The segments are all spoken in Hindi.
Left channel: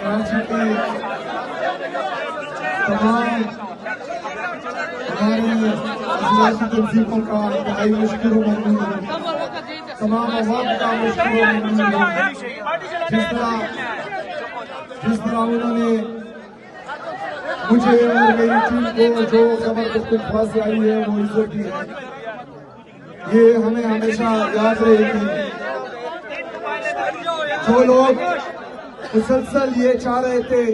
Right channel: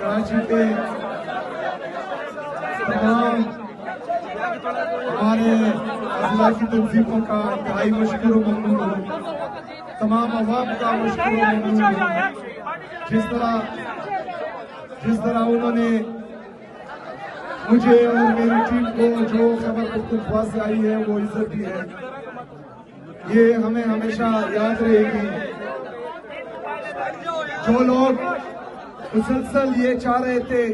कराची के तमाम हमारे जिला की तंजीमों का इंतहाई मशकूर ममनून हूँ, तमाम अवाम का मशकूर ममनून हूँ। जिस तरह उन्होंने मुझे और मेरी टीम को जो खबर पुख्तवा से आई है वो इज्जत दी है, ये हमें हमेशा याद रहेगी। जो लोग मुसलसल ये चाह रहे थे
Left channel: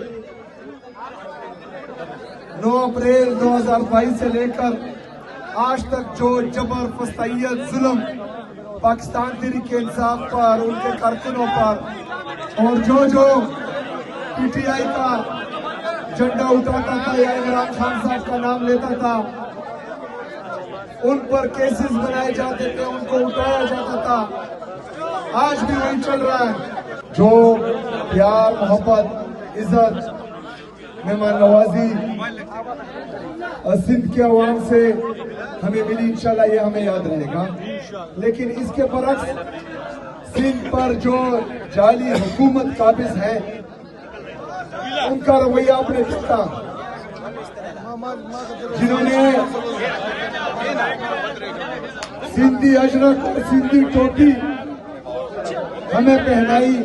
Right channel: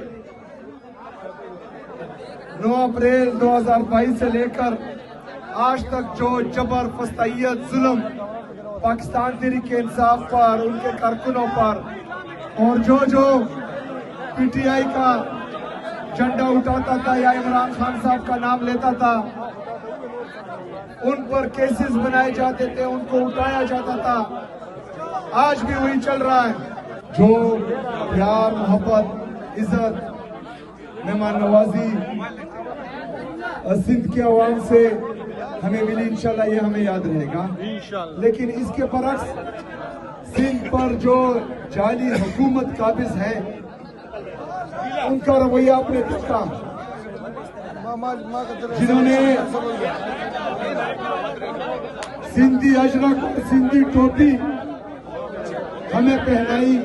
9 अप्रैल 2022 से लेकर आज तक जो जबर, फस्तैयत, जुल्म पाकिस्तान तहरीक इंसाफ पर, उनके कारकुनों पर, और जो पीटीआई का झंडा उठाता था या इमरान खान साहब का नाम लेता था, उन पर केसेस बनाए जाते थे, उनको उठाया जाता था। आज भी वही चल रहा है। जो प्यार, मोहब्बत, इज्जत, मेहमान नवाजी सिंध के अवाम से हमें मिली, इंशाल्लाह ये हमें याद रहेगा। लेकिन इसके बरक्स सिंध पर जो जाली हुकूमत काबिज है, उनका रवैया आपने देखा। जिन्होंने सिंधी अजरक और सिंधी टोपी हमें पहनाई,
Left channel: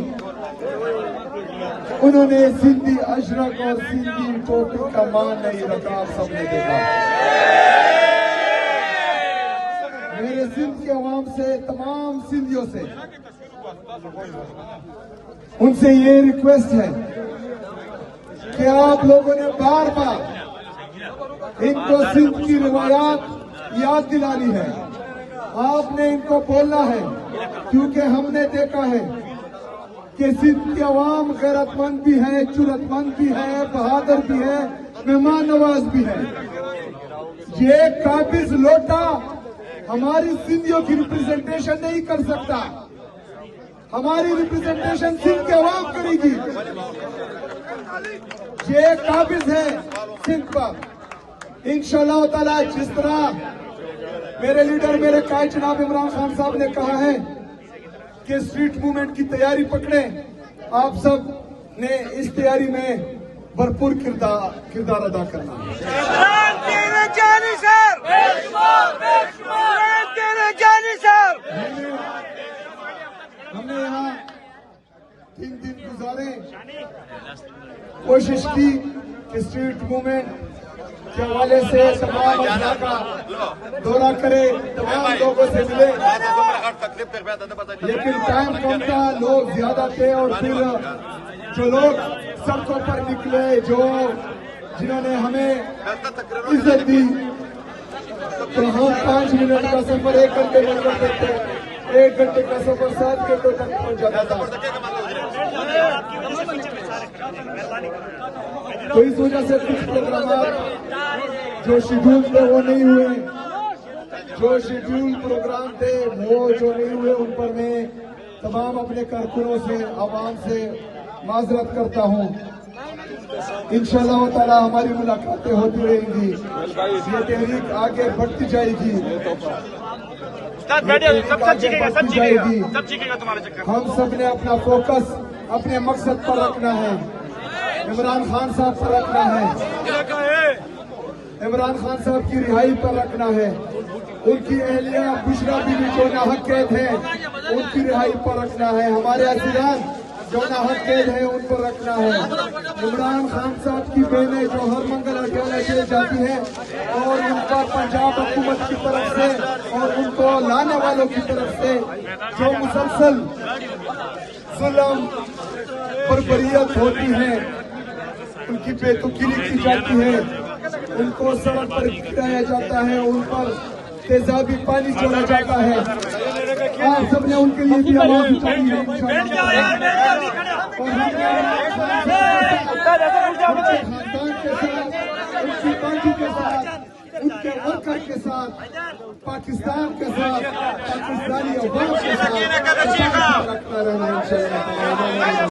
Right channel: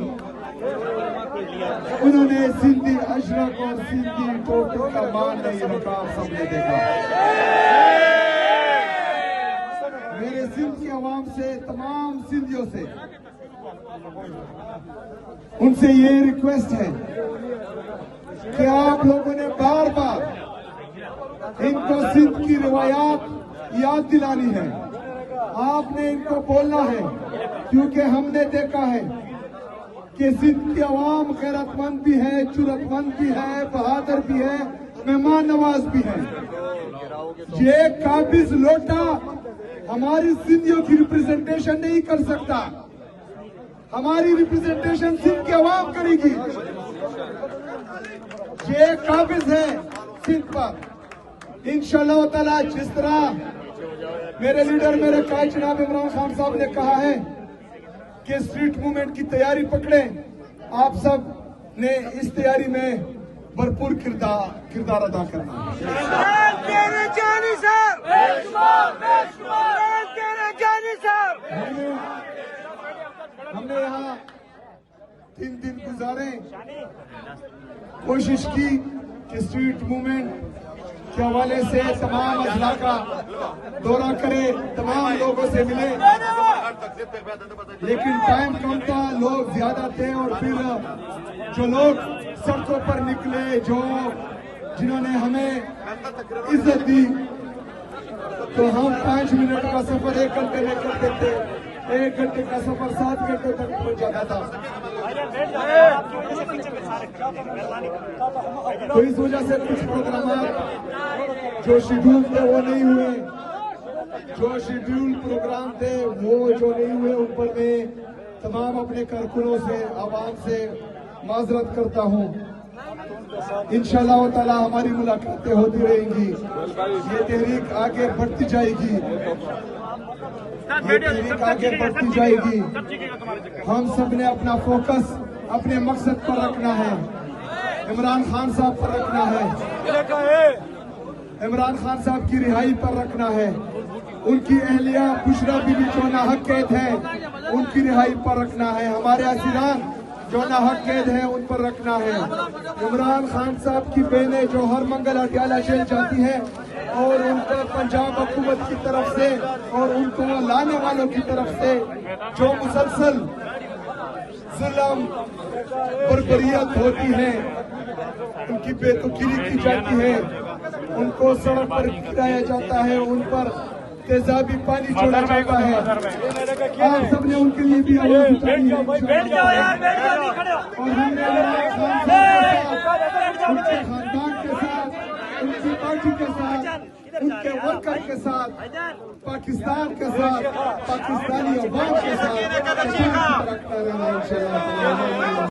उन्होंने सिंधी अजरक और सिंधी टोपी का मान नहीं रखा। आप सबने देखा। मेरे सिंध के अवाम से, तमाम सिंधियों से, उनसे ये रिक्वेस्ट है कि आप लोगों ने बार बार इनको सिंध की रिवायात याद दिलानी है। आपने इनको बोलना है, क्योंकि हमने देखा है कि सिंध की अवाम गैरतमंद भी है, जुर्रतमंद भी है, बहादुर भी है, मेहमान नवाज भी है। ये काबिज लोटा हमारी सिंधियों की रिप्रेजेंटेशन नहीं कर सकता। हमारी रिप्रेजेंटेशन सिंध के अवाम करेगी। ये काबिज है सिंध पर। इंशाअल्लाह ताला जिस तरह मेरे लीडर, मेरे कायद जनाब इमरान खान साहब ने कहा है कि स्ट्रीट मूवमेंट की तैयारी पकड़े, आप सब ने इस तैयारी में भरपूर किरदार अदा करना है। हमने यहाँ 3 दिन गुजारे, कोशिश की कि स्ट्रीट मूवमेंट के हवाले से तमाम अजला का दौरा करे, तमाम लोगों से मिले, लेकिन टाइम कम था, लोग ज्यादा थे। और फिर जो लोग सड़कों पर निकले, जिन्होंने हमें इज्जत दी, तो हम 5 मिनट का सफर 1 घंटे में कर देते, 1 घंटे का सफर 7 घंटों तक पहुंच जाता था। तो इस वजह से कुछ प्रोग्राम जो शेड्यूल थे वो नहीं हुए, जो शेड्यूल प्रोग्राम थे वो जो नहीं हुए, उन पर मैं तमाम अपने कारकुनों से, आवाम से माजरत करता हूँ। इंशाअल्लाह ताला हमारी मुलाकातें होती रहेंगी, ये तहरीक आगे बढ़ती जाएगी, आगे बढ़ती जाएगी। हम सब ने अपना फोकस अपने मकसद पर रखना है, इमरान खान साहब पर रखना है, इमरान खान साहब की रिहाई पर रखना है, उनकी अहलिया बुशरा बीबी जो नाहक कैद है उनकी रिहाई पर रखना है, हमारे अजीरान जो नाहक कैद है उन पर रखना है। इमरान खान साहब की बहनें जो हर मंगल अटियाला चली जाती है और उन पर पंजाब हुकूमत की तरफ से और उनको लाने वालों की तरफ से जो मुसलसल जुल्म बर्बरियत होती है, उनकी बेतुकीली की जाती है, उनको सड़क पर गिराया जाता है, उन पर तेजाबी पानी छोड़ा जाता है। आप सबने उनके लिए भी आवाज उठाई है और हमने उनके खानदान के साथ, उनकी पार्टी के साथ, उनके वर्कर के साथ, पाकिस्तान के साथ, पाकिस्तानी अवाम के साथ रखना रहना है।